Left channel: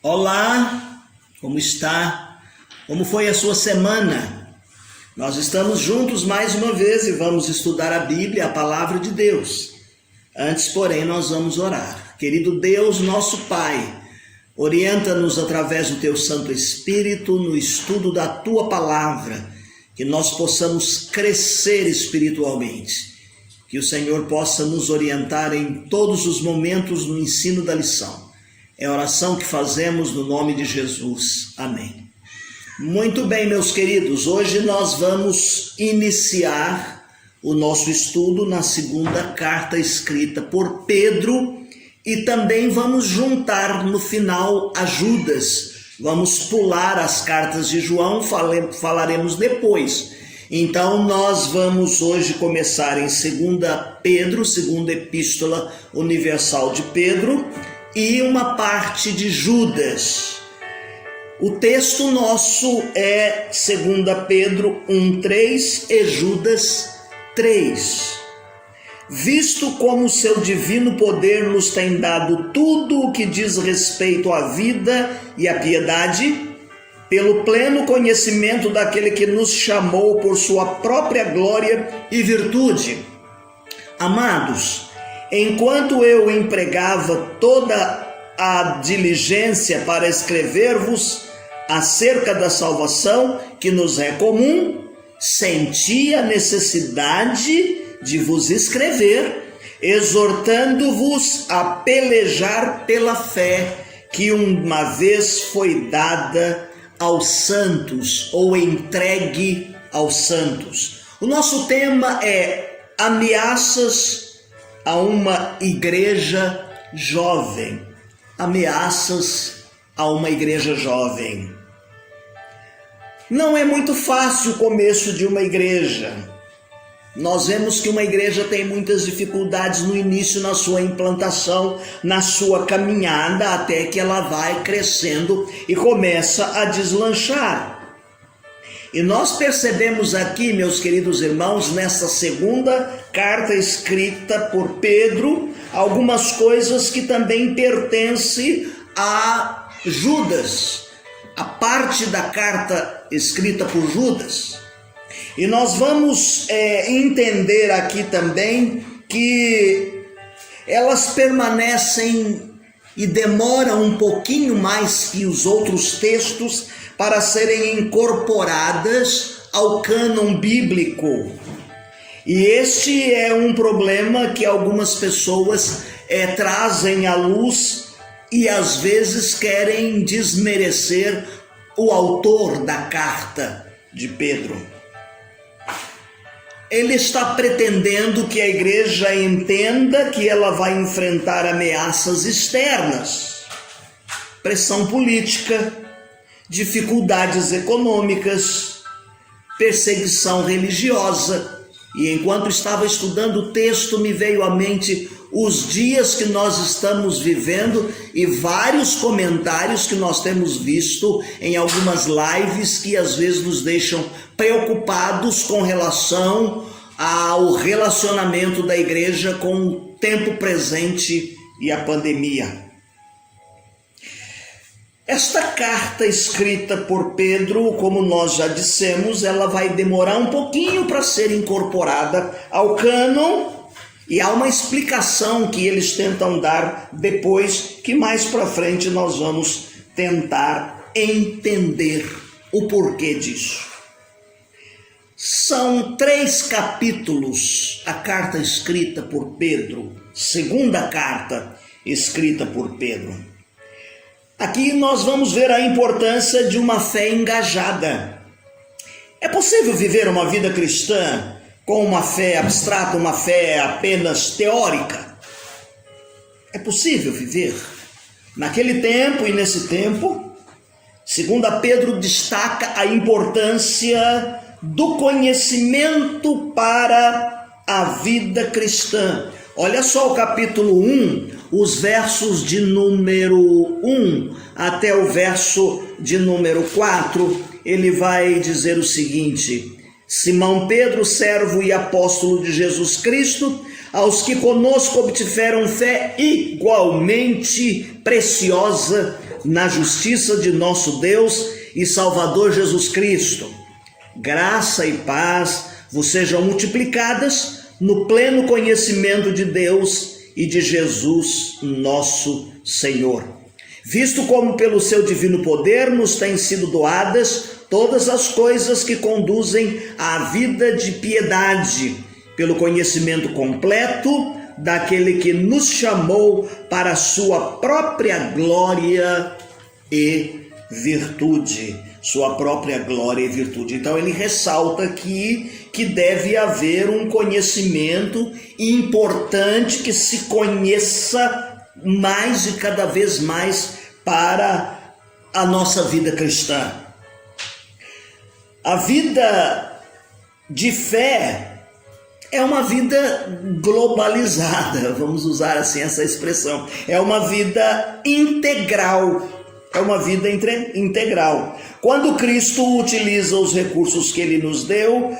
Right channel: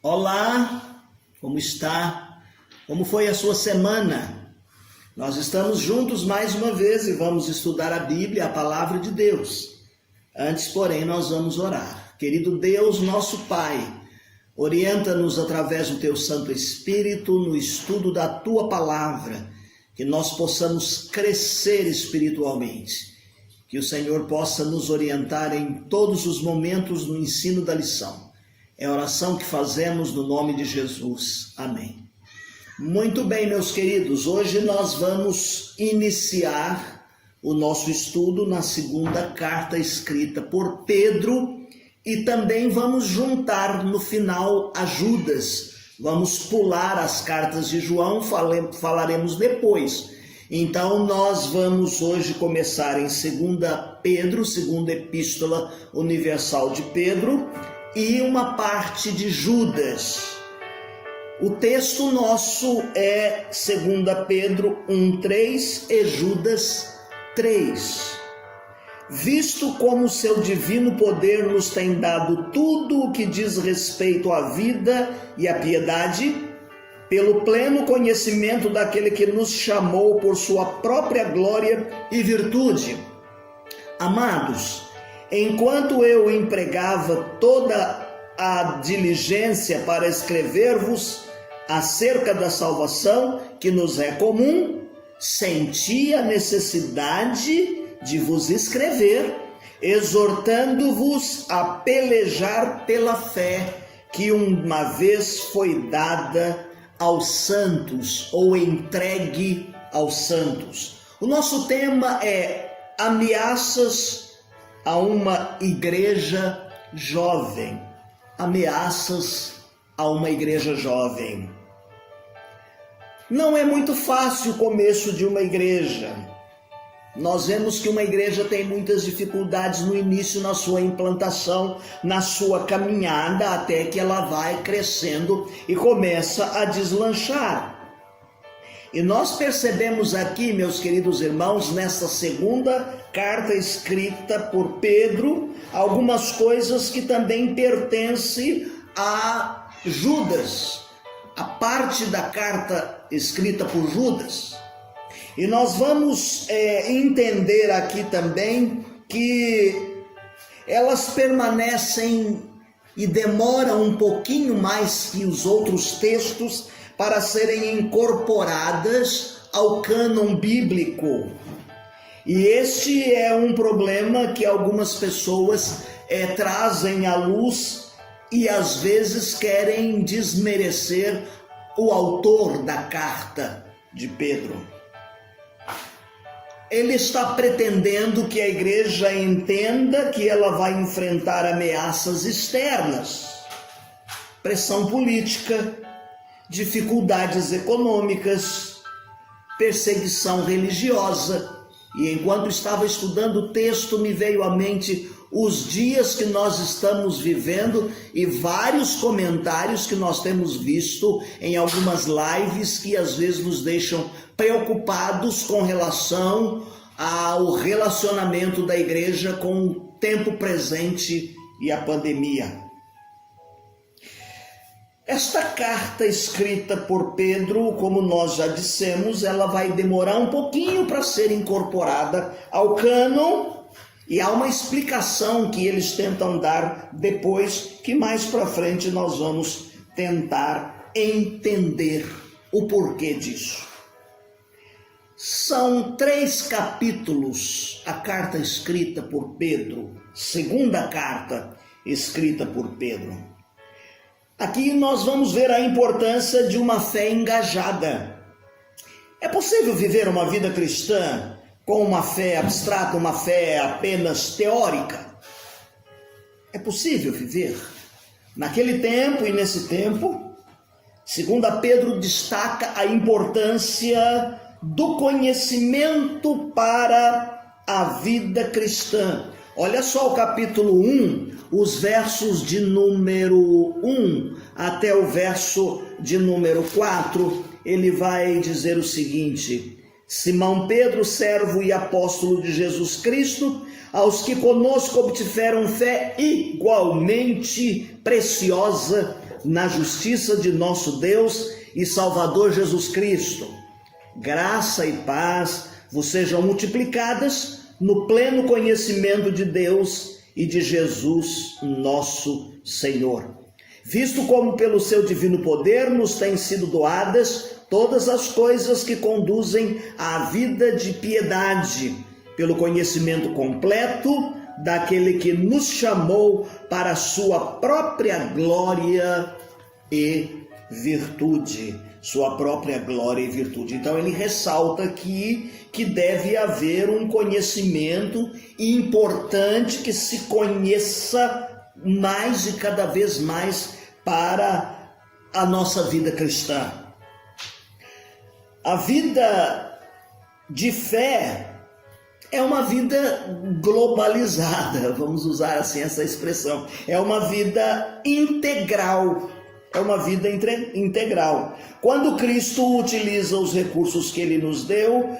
Olá, como está? Como foi a sua semana? Nós estamos juntos mais uma vez e vamos estudar a Bíblia, a Palavra de Deus. Antes, porém, nós vamos orar. Querido Deus, nosso Pai, orienta-nos através do Teu Santo Espírito no estudo da Tua Palavra, que nós possamos crescer espiritualmente, que o Senhor possa nos orientar em todos os momentos no ensino da lição. É a oração que fazemos no nome de Jesus. Amém. Muito bem, meus queridos, hoje nós vamos iniciar o nosso estudo na segunda carta escrita por Pedro e também vamos juntar no final a Judas. Vamos pular as cartas de João, falaremos depois. Então nós vamos hoje começar em 2 Pedro, segunda epístola universal de Pedro, e uma parte de Judas. O texto nosso é 2 Pedro 1:3 e Judas 3. Visto como seu divino poder nos tem dado tudo o que diz respeito à vida e à piedade, pelo pleno conhecimento daquele que nos chamou por sua própria glória e virtude. Amados, enquanto eu empregava toda a diligência para escrever-vos acerca da salvação que nos é comum, senti a necessidade de vos escrever, exortando-vos a pelejar pela fé que uma vez foi dada aos santos ou entregue aos santos. O nosso tema é ameaças a uma igreja jovem. Ameaças a uma igreja jovem. Não é muito fácil o começo de uma igreja. Nós vemos que uma igreja tem muitas dificuldades no início, na sua implantação, na sua caminhada, até que ela vai crescendo e começa a deslanchar. E nós percebemos aqui, meus queridos irmãos, nessa segunda carta escrita por Pedro, algumas coisas que também pertencem a Judas, a parte da carta escrita por Judas. E nós vamos entender aqui também que elas permanecem e demoram um pouquinho mais que os outros textos para serem incorporadas ao cânon bíblico. E este é um problema que algumas pessoas trazem à luz e às vezes querem desmerecer o autor da carta de Pedro. Ele está pretendendo que a igreja entenda que ela vai enfrentar ameaças externas, pressão política, dificuldades econômicas, perseguição religiosa. E enquanto estava estudando o texto, me veio à mente os dias que nós estamos vivendo e vários comentários que nós temos visto em algumas lives que às vezes nos deixam preocupados com relação ao relacionamento da igreja com o tempo presente e a pandemia. Esta carta escrita por Pedro, como nós já dissemos, ela vai demorar um pouquinho para ser incorporada ao cânon, e há uma explicação que eles tentam dar depois, que mais para frente nós vamos tentar entender o porquê disso. São 3 capítulos a carta escrita por Pedro, segunda carta escrita por Pedro. Aqui nós vamos ver a importância de uma fé engajada. É possível viver uma vida cristã com uma fé abstrata, uma fé apenas teórica? É possível viver? Naquele tempo e nesse tempo, 2 Pedro destaca a importância do conhecimento para a vida cristã. Olha só o capítulo 1, os versos de número 1 até o verso de número 4, ele vai dizer o seguinte: Simão Pedro, servo e apóstolo de Jesus Cristo, aos que conosco obtiveram fé igualmente preciosa na justiça de nosso Deus e Salvador Jesus Cristo. Graça e paz vos sejam multiplicadas no pleno conhecimento de Deus e de Jesus, nosso Senhor. Visto como pelo seu divino poder nos têm sido doadas todas as coisas que conduzem à vida de piedade, pelo conhecimento completo daquele que nos chamou para a sua própria glória e virtude. Sua própria glória e virtude. Então ele ressalta aqui que deve haver um conhecimento importante, que se conheça mais e cada vez mais para a nossa vida cristã. A vida de fé é uma vida globalizada, vamos usar assim essa expressão. É uma vida integral. É uma vida integral. Quando Cristo utiliza os recursos que Ele nos deu,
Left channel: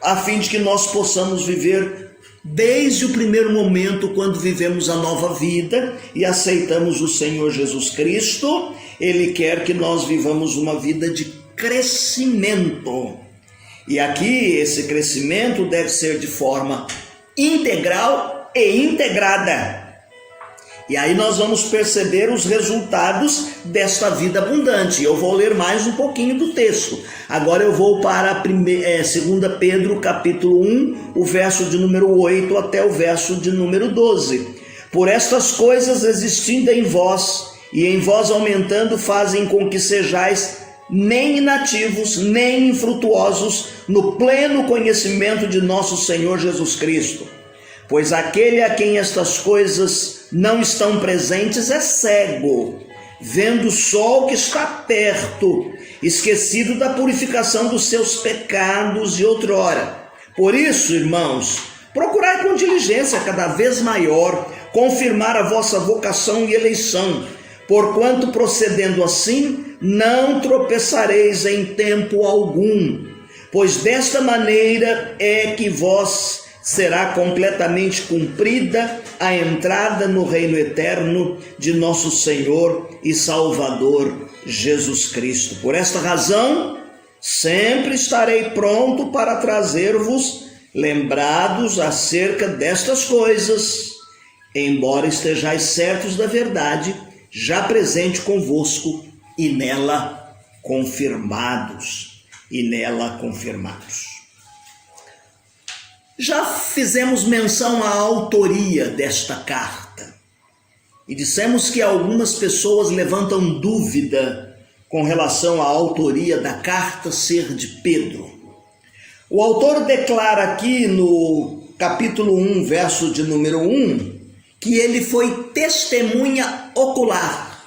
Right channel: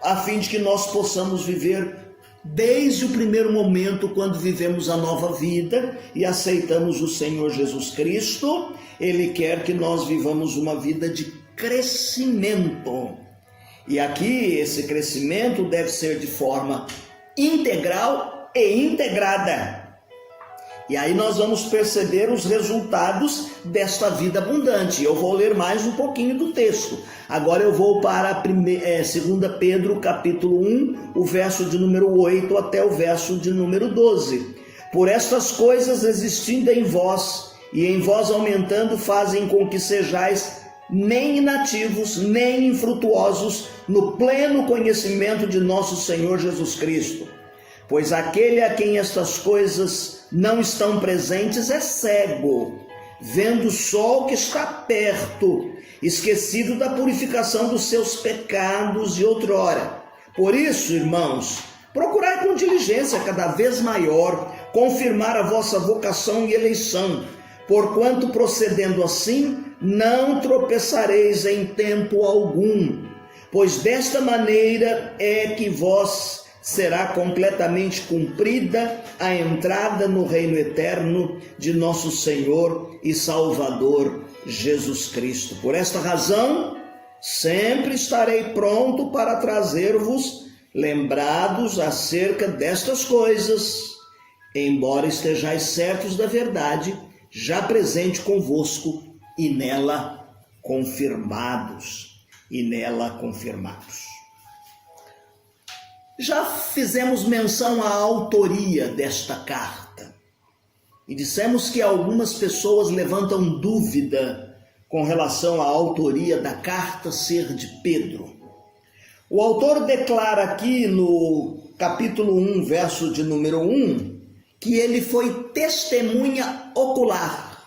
a fim de que nós possamos viver desde o primeiro momento, quando vivemos a nova vida e aceitamos o Senhor Jesus Cristo, Ele quer que nós vivamos uma vida de crescimento. E aqui esse crescimento deve ser de forma integral e integrada. E aí nós vamos perceber os resultados desta vida abundante. Eu vou ler mais um pouquinho do texto. Agora eu vou para 2 Pedro capítulo 1, o verso de número 8 até o verso de número 12. Por estas coisas existindo em vós, e em vós aumentando, fazem com que sejais nem inativos, nem infrutuosos no pleno conhecimento de nosso Senhor Jesus Cristo. Pois aquele a quem estas coisas não estão presentes é cego, vendo só o que está perto, esquecido da purificação dos seus pecados de outrora. Por isso, irmãos, procurai com diligência cada vez maior confirmar a vossa vocação e eleição, porquanto procedendo assim não tropeçareis em tempo algum, pois desta maneira é que vós será completamente cumprida a entrada no reino eterno de nosso Senhor e Salvador Jesus Cristo. Por esta razão, sempre estarei pronto para trazer-vos lembrados acerca destas coisas, embora estejais certos da verdade, já presente convosco e nela confirmados. Já fizemos menção à autoria desta carta e dissemos que algumas pessoas levantam dúvida com relação à autoria da carta ser de Pedro. O autor declara aqui no capítulo 1, verso de número 1, que ele foi testemunha ocular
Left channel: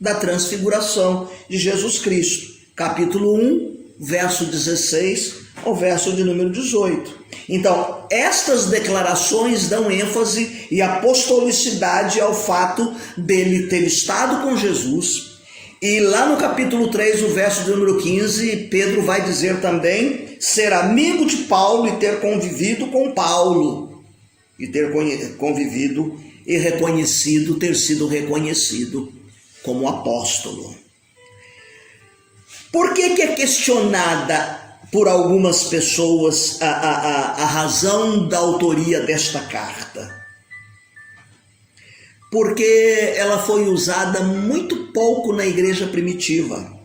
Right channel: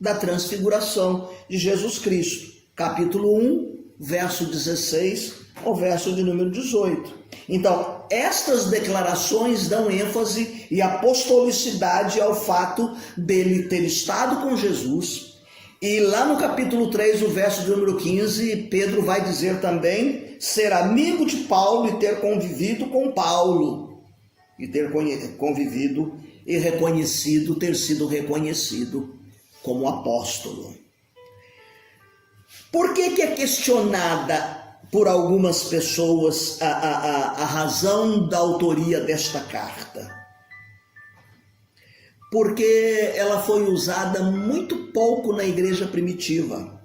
da transfiguração de Jesus Cristo. Capítulo 1, verso 16 ao verso de número 18. Então, estas declarações dão ênfase e apostolicidade ao fato dele ter estado com Jesus. E lá no capítulo 3, o verso de número 15, Pedro vai dizer também ser amigo de Paulo e ter convivido com Paulo. E ter convivido e reconhecido, ter sido reconhecido como apóstolo. Por que é questionada por algumas pessoas a razão da autoria desta carta? Porque ela foi usada muito pouco na igreja primitiva.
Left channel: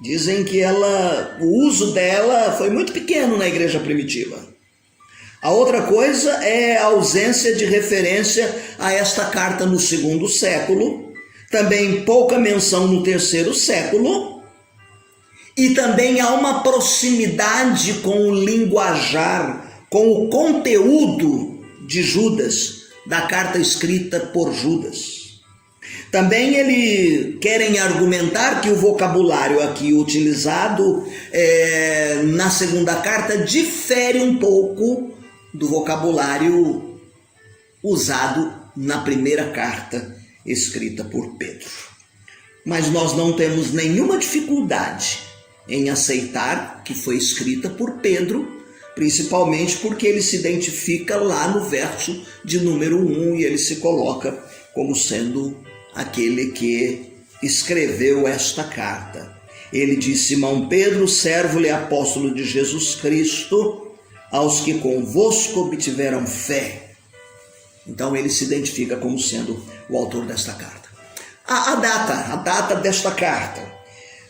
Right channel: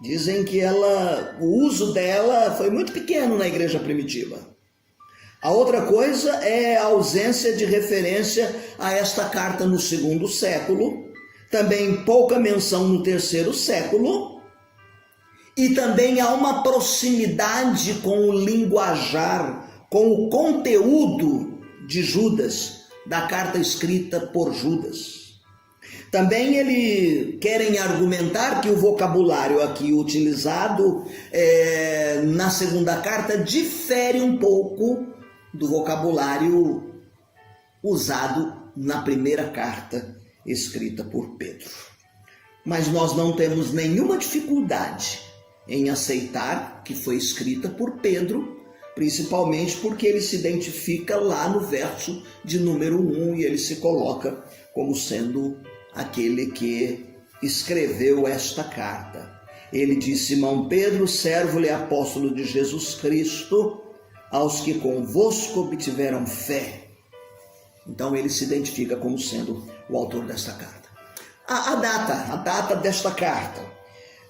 Dizem que o uso dela foi muito pequeno na igreja primitiva. A outra coisa é a ausência de referência a esta carta no 2º século, também pouca menção no 3º século, e também há uma proximidade com o linguajar, com o conteúdo de Judas, da carta escrita por Judas. Também eles querem argumentar que o vocabulário aqui utilizado na 2ª carta difere um pouco do vocabulário usado na 1ª carta escrita por Pedro. Mas nós não temos nenhuma dificuldade em aceitar que foi escrita por Pedro, principalmente porque ele se identifica lá no verso de número 1 e ele se coloca como sendo aquele que escreveu esta carta. Ele diz: Simão Pedro, servo e apóstolo de Jesus Cristo, aos que convosco obtiveram fé. Então ele se identifica como sendo o autor desta carta. A data desta carta.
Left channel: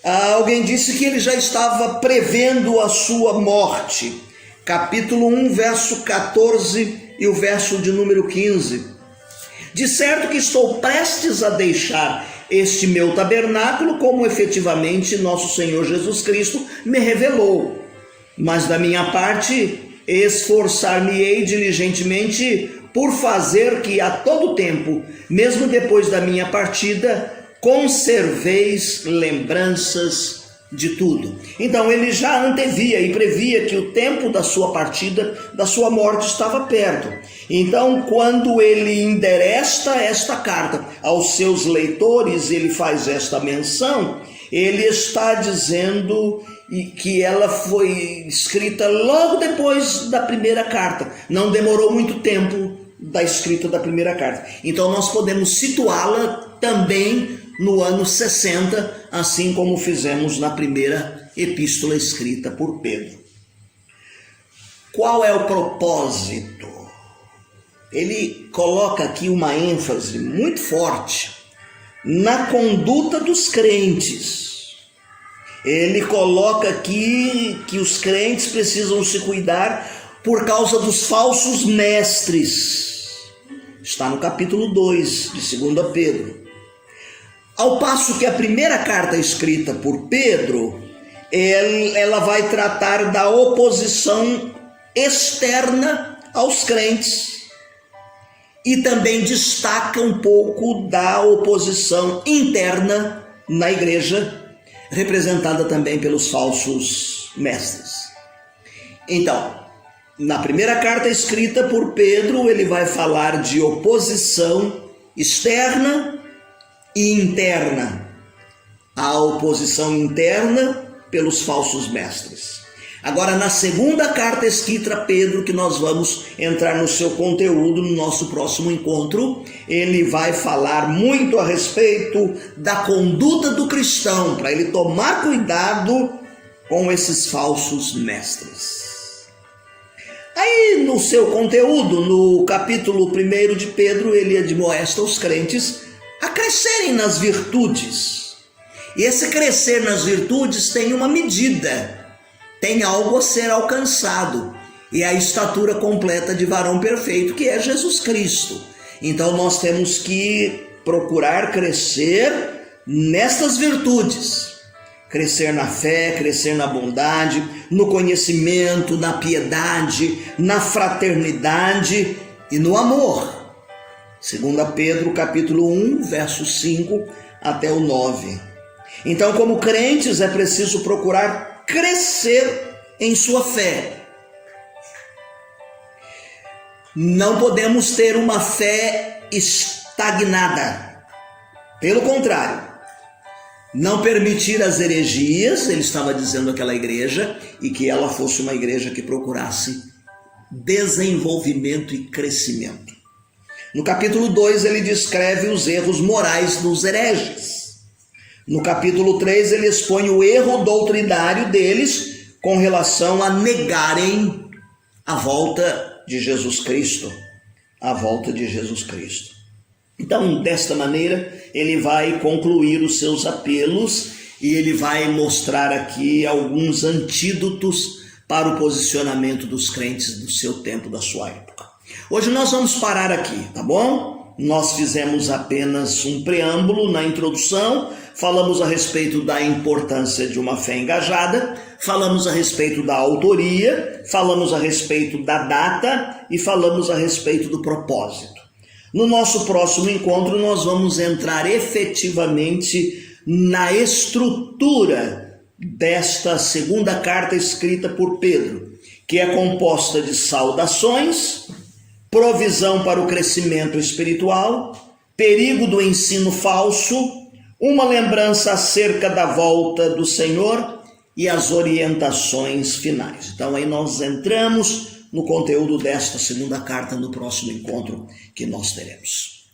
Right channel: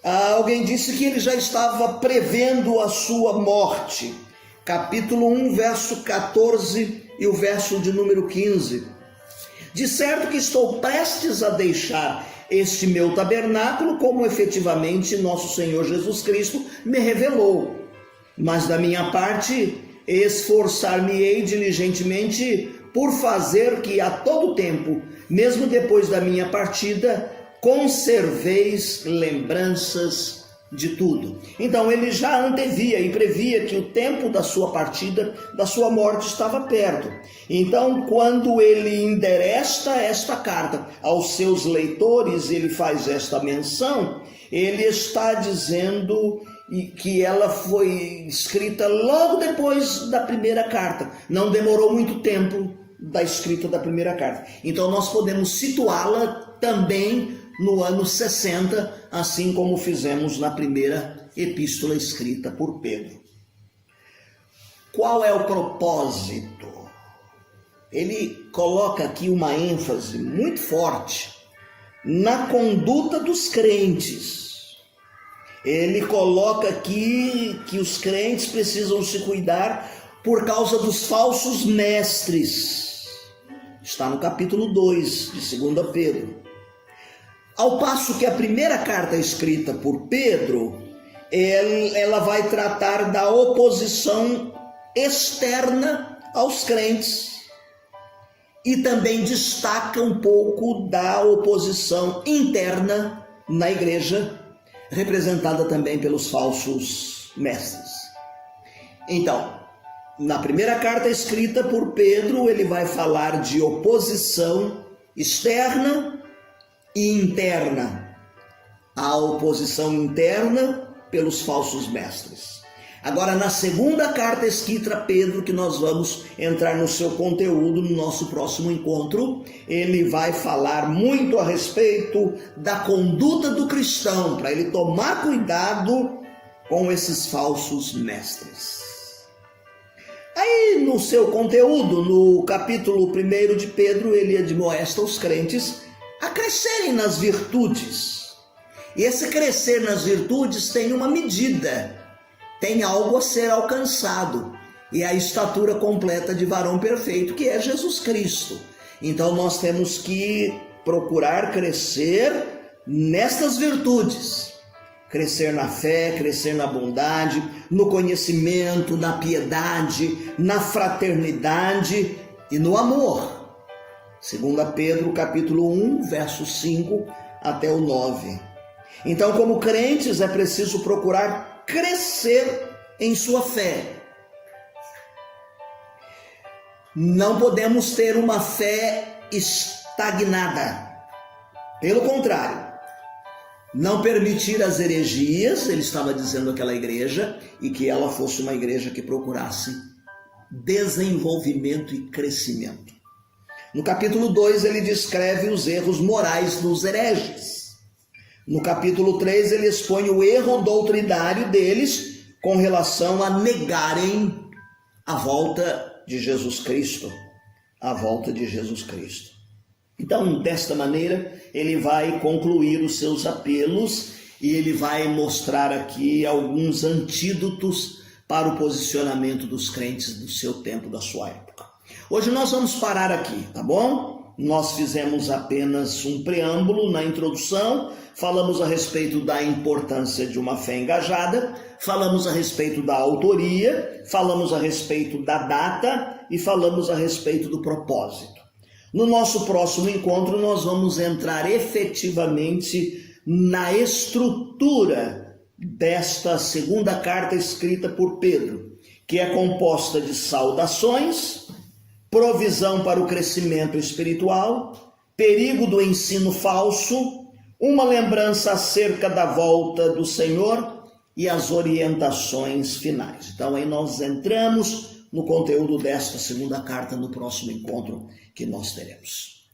Alguém disse que ele já estava prevendo a sua morte. Capítulo 1, verso 14 e o verso de número 15. De certo que estou prestes a deixar este meu tabernáculo, como efetivamente nosso Senhor Jesus Cristo me revelou. Mas da minha parte, esforçar-me-ei diligentemente por fazer que a todo tempo, mesmo depois da minha partida, conserveis lembranças de tudo. Então ele já antevia e previa que o tempo da sua partida, da sua morte, estava perto. Então, quando ele endereça esta carta aos seus leitores, ele faz esta menção, ele está dizendo que ela foi escrita logo depois da primeira carta. Não demorou muito tempo da escrita da primeira carta. Então nós podemos situá-la também no ano 60, assim como fizemos na primeira epístola escrita por Pedro. Qual é o propósito? Ele coloca aqui uma ênfase muito forte na conduta dos crentes. Ele coloca aqui que os crentes precisam se cuidar por causa dos falsos mestres. Está no capítulo 2 de 2 Pedro. Ao passo que a primeira carta escrita por Pedro, ela vai tratar da oposição externa aos crentes. E também destaca um pouco da oposição interna na igreja, representada também pelos falsos mestres. Então, na primeira carta escrita por Pedro, ele vai falar de oposição externa e interna. A oposição interna pelos falsos mestres. Agora, na segunda carta escrita a Pedro, que nós vamos entrar no seu conteúdo no nosso próximo encontro, ele vai falar muito a respeito da conduta do cristão, para ele tomar cuidado com esses falsos mestres. Aí, no seu conteúdo, no capítulo 1 de Pedro, ele admoesta os crentes a crescerem nas virtudes. E esse crescer nas virtudes tem uma medida. Tem algo a ser alcançado, e a estatura completa de varão perfeito, que é Jesus Cristo. Então nós temos que procurar crescer nestas virtudes, crescer na fé, crescer na bondade, no conhecimento, na piedade, na fraternidade e no amor. 2 Pedro capítulo 1, verso 5 até o 9. Então, como crentes, é preciso procurar crescer em sua fé. Não podemos ter uma fé estagnada. Pelo contrário, não permitir as heresias, ele estava dizendo àquela igreja, e que ela fosse uma igreja que procurasse desenvolvimento e crescimento. No capítulo 2 ele descreve os erros morais dos hereges. No capítulo 3 ele expõe o erro doutrinário deles com relação a negarem a volta de Jesus Cristo. A volta de Jesus Cristo. Então, desta maneira, ele vai concluir os seus apelos e ele vai mostrar aqui alguns antídotos para o posicionamento dos crentes do seu tempo, da sua época. Hoje nós vamos parar aqui, tá bom? Nós fizemos apenas um preâmbulo na introdução, falamos a respeito da importância de uma fé engajada, falamos a respeito da autoria, falamos a respeito da data e falamos a respeito do propósito. No nosso próximo encontro nós vamos entrar efetivamente na estrutura desta segunda carta escrita por Pedro, que é composta de saudações, provisão para o crescimento espiritual, perigo do ensino falso, uma lembrança acerca da volta do Senhor e as orientações finais. Então aí nós entramos no conteúdo desta segunda carta no próximo encontro que nós teremos.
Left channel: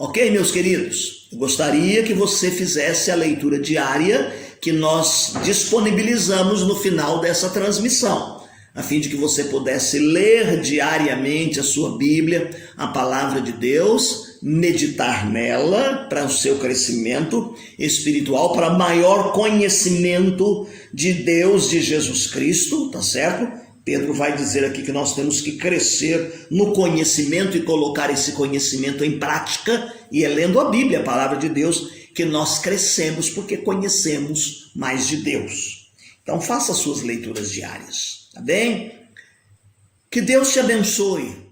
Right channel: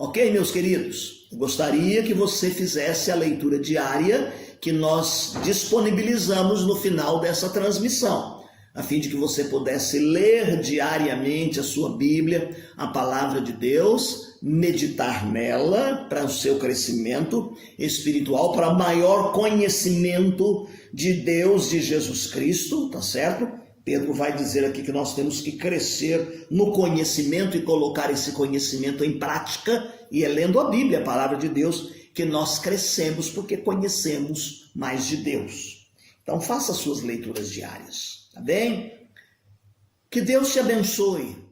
Ok, meus queridos? Eu gostaria que você fizesse a leitura diária que nós disponibilizamos no final dessa transmissão, a fim de que você pudesse ler diariamente a sua Bíblia, a palavra de Deus, meditar nela para o seu crescimento espiritual, para maior conhecimento de Deus, de Jesus Cristo, tá certo? Pedro vai dizer aqui que nós temos que crescer no conhecimento e colocar esse conhecimento em prática, e é lendo a Bíblia, a palavra de Deus, que nós crescemos porque conhecemos mais de Deus. Então faça suas leituras diárias, tá bem? Que Deus te abençoe.